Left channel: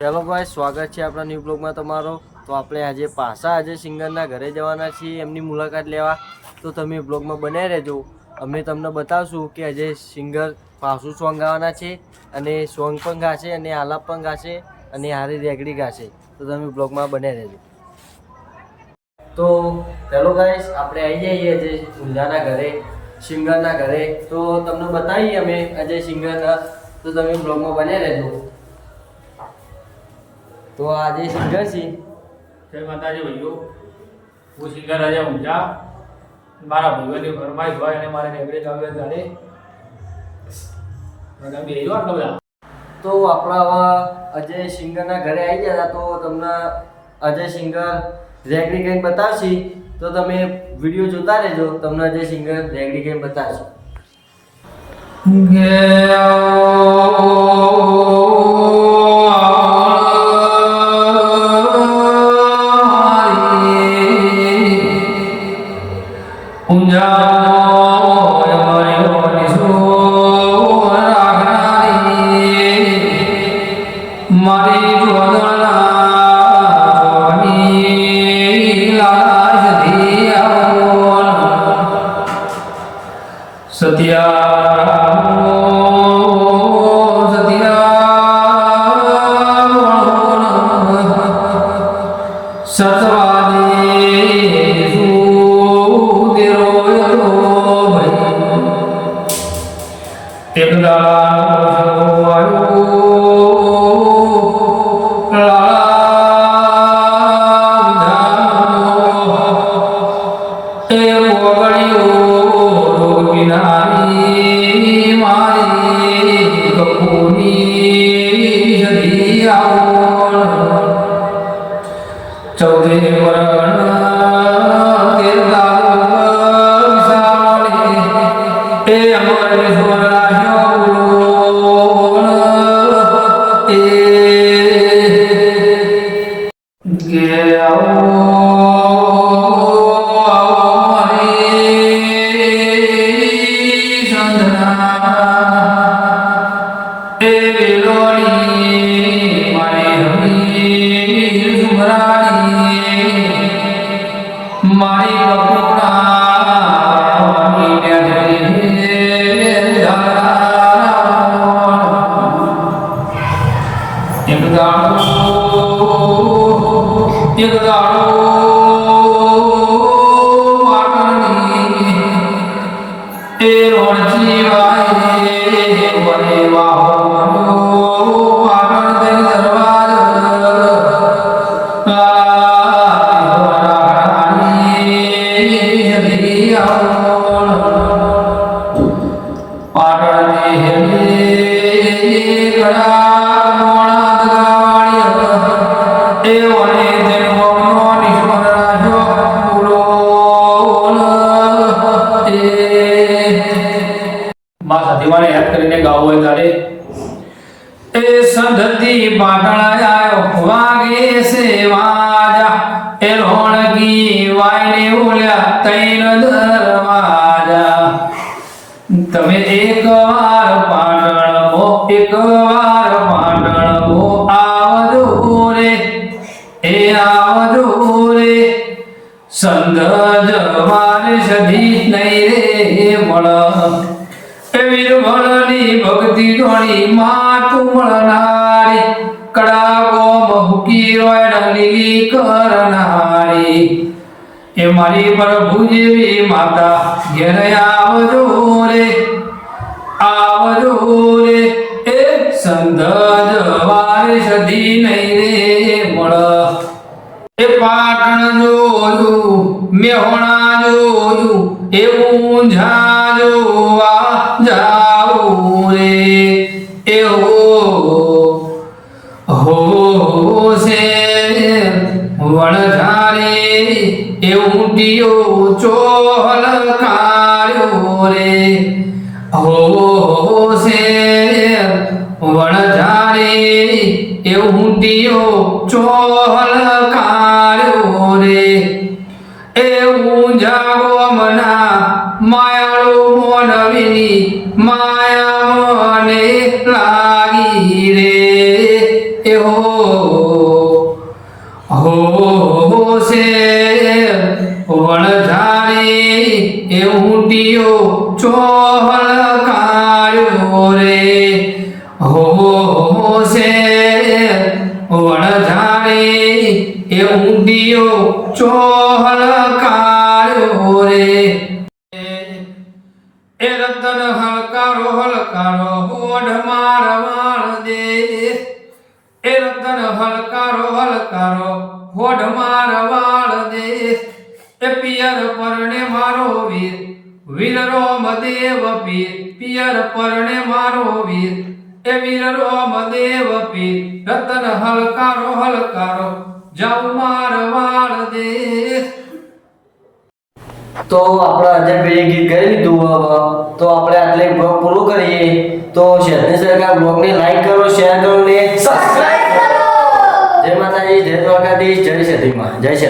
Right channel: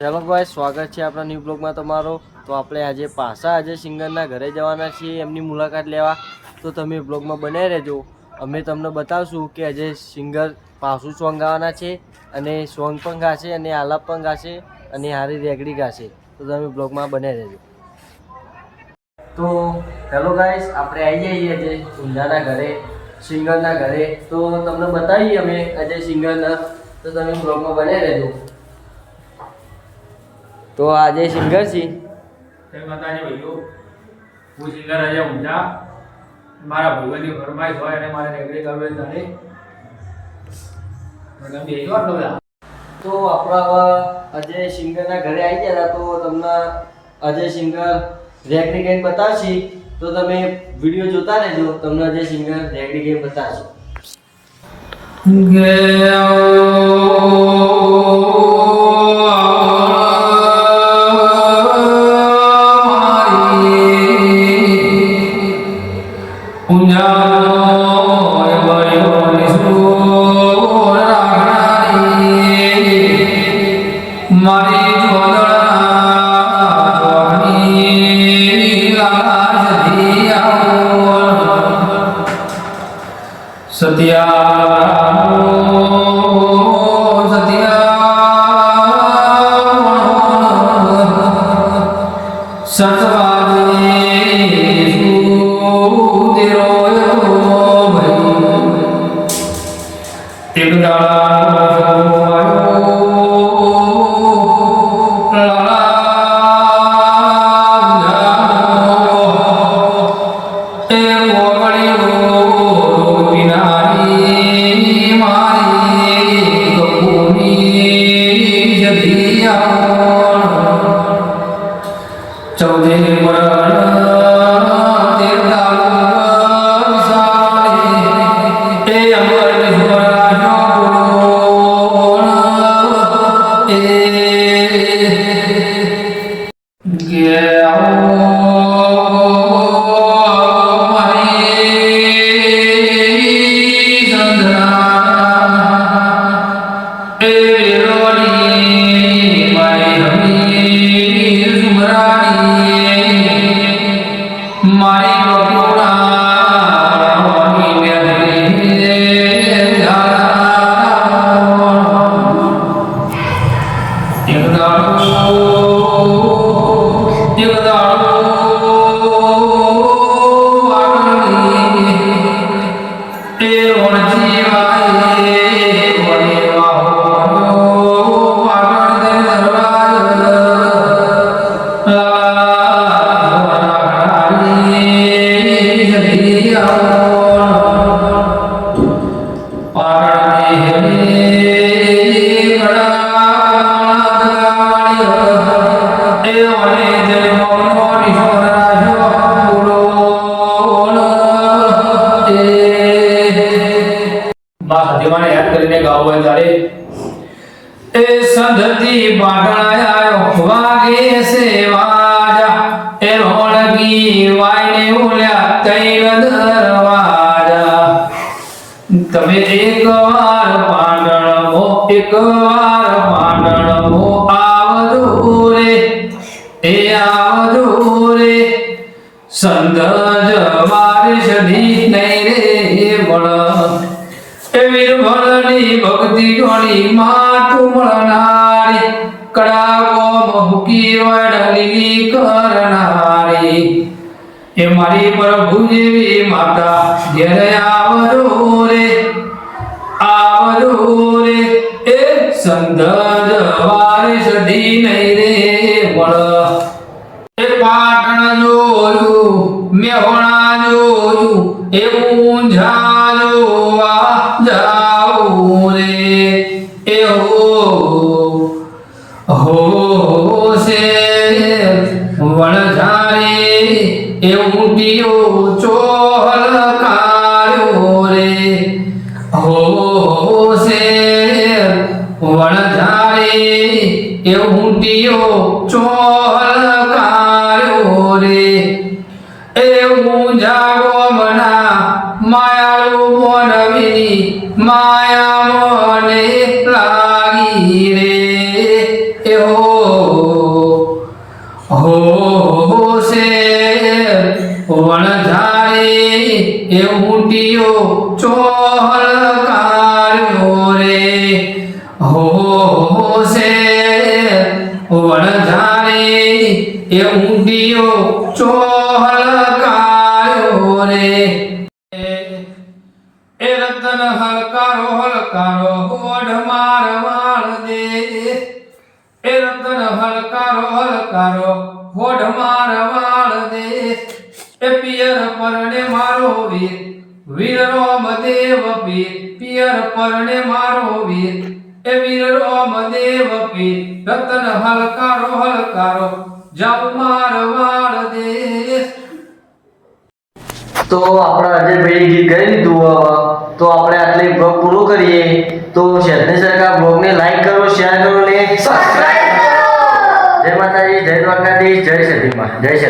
Hello ભાઈ, સ્વાગત છે આપણા ન્યૂ બ્લોગમાં તમારો। તો આપણે આજે પાછા સિંગરના ઘરે જવાના છીએ એમની મુલાકાત લેવા। તો તમે બ્લોગમાં બનાવી રહેજો। અમે તમને બતાવશું કે આજે સિંગર પાછું સોંગ ગાવાના છે અને સોંગ પણ ગાશે અને આલાપ પણ ગાશે અને હારી રેગડી ગાશે। તો તમે બ્લોગમાં બનાવી રહેજો। તો હેલો ગાઈસ, આપણે આવી જઈએ આજે ઊંઝાના ઘરે, સિંગરના ઘરે। તો તમને બતાવીએ અમે આજે સિંગરના, તો તમે બ્લોગમાં બનાવી રહેજો। તો આજે સિંગર છે। જય માતાજી ભાઈઓ, હું સિંગર આજે ઊંઝા। મારા ભાઈઓની ફરમાઈશ હોય અને મારે રેગડી ગાવી ત્યારે મને બેજો આટલો બધા। તો આપણા આવા અજય સિંગરના ઘરે આવી ગયા તો તમને અજય સિંગર રેગડી ગેમ બતાવશે। તો તમે વિડીયો જોતા રહેજો, તમને અજય સિંગર રેગડી ગેમ બતાવશે। સતીમાને યાદ કરીને ગાવું હોય ત્યારે એ સંધતી પાટણ આયો વાગે છે વાજા એ રોણકી વાયને ઉલ્યા તૈન દરવાજા તમે એકવાર પાટણ મો આવજો રે એ આવજો રે સંધ જવાર સધી નહીં રે મળ વીરભણની ભક્તિ જોડી માં તું મળનારી કડાકો મહુકી રોય લીલી કરનારી એ મારી પ્રભુ જેવી માતા ઘેર આવજો રે એ સંધ જવારે સધી નહીં રે મળ એ પાટણ જોયું મેહોણા જોયું એ ઊંઝા જોવા જાઉં રે એ હો છે વણઝારે એ ઊંટીઓ ચોહલ કાળ્યો રે હો છે વણઝારે એ ઊંટીઓ ચોહલ કાળ્યો રે એ ઊંઝા ગોમના માયાળુ મોનવીની માયા મને લાગી રે એ હો ઊંટિયો ચોહલકાર્યો રે હો છે વણઝારે એ ઊંડિયો ચોહલકાર્યો રે એ રતન હલકારો હલકારો હોઢ માર વાળ દે એ રતન હલકારો હલકારો હોઢ માર વાળ દે એ પિયર પરણે મારો વીર વીર રોમ દેવ પીર પિયર પરણે મારો વીર એ વીર રોમ દેવ પીર રતન હલકારો હલકારો જાઉં માર વાળ દે. તો આપણે અજયભાઈ ગીત ગાઈ લીધું હવે તો આપણે આટલે બ્લોગ પૂરું કરીએ. તો શહેરની સરકાર બ્લોગને લાઈક કરો, શેર કરો ને સબસ્ક્રાઇબ કરો. જય માતાજી, જય દ્વારકાધીશ, જય સતીમાં, જય સતી.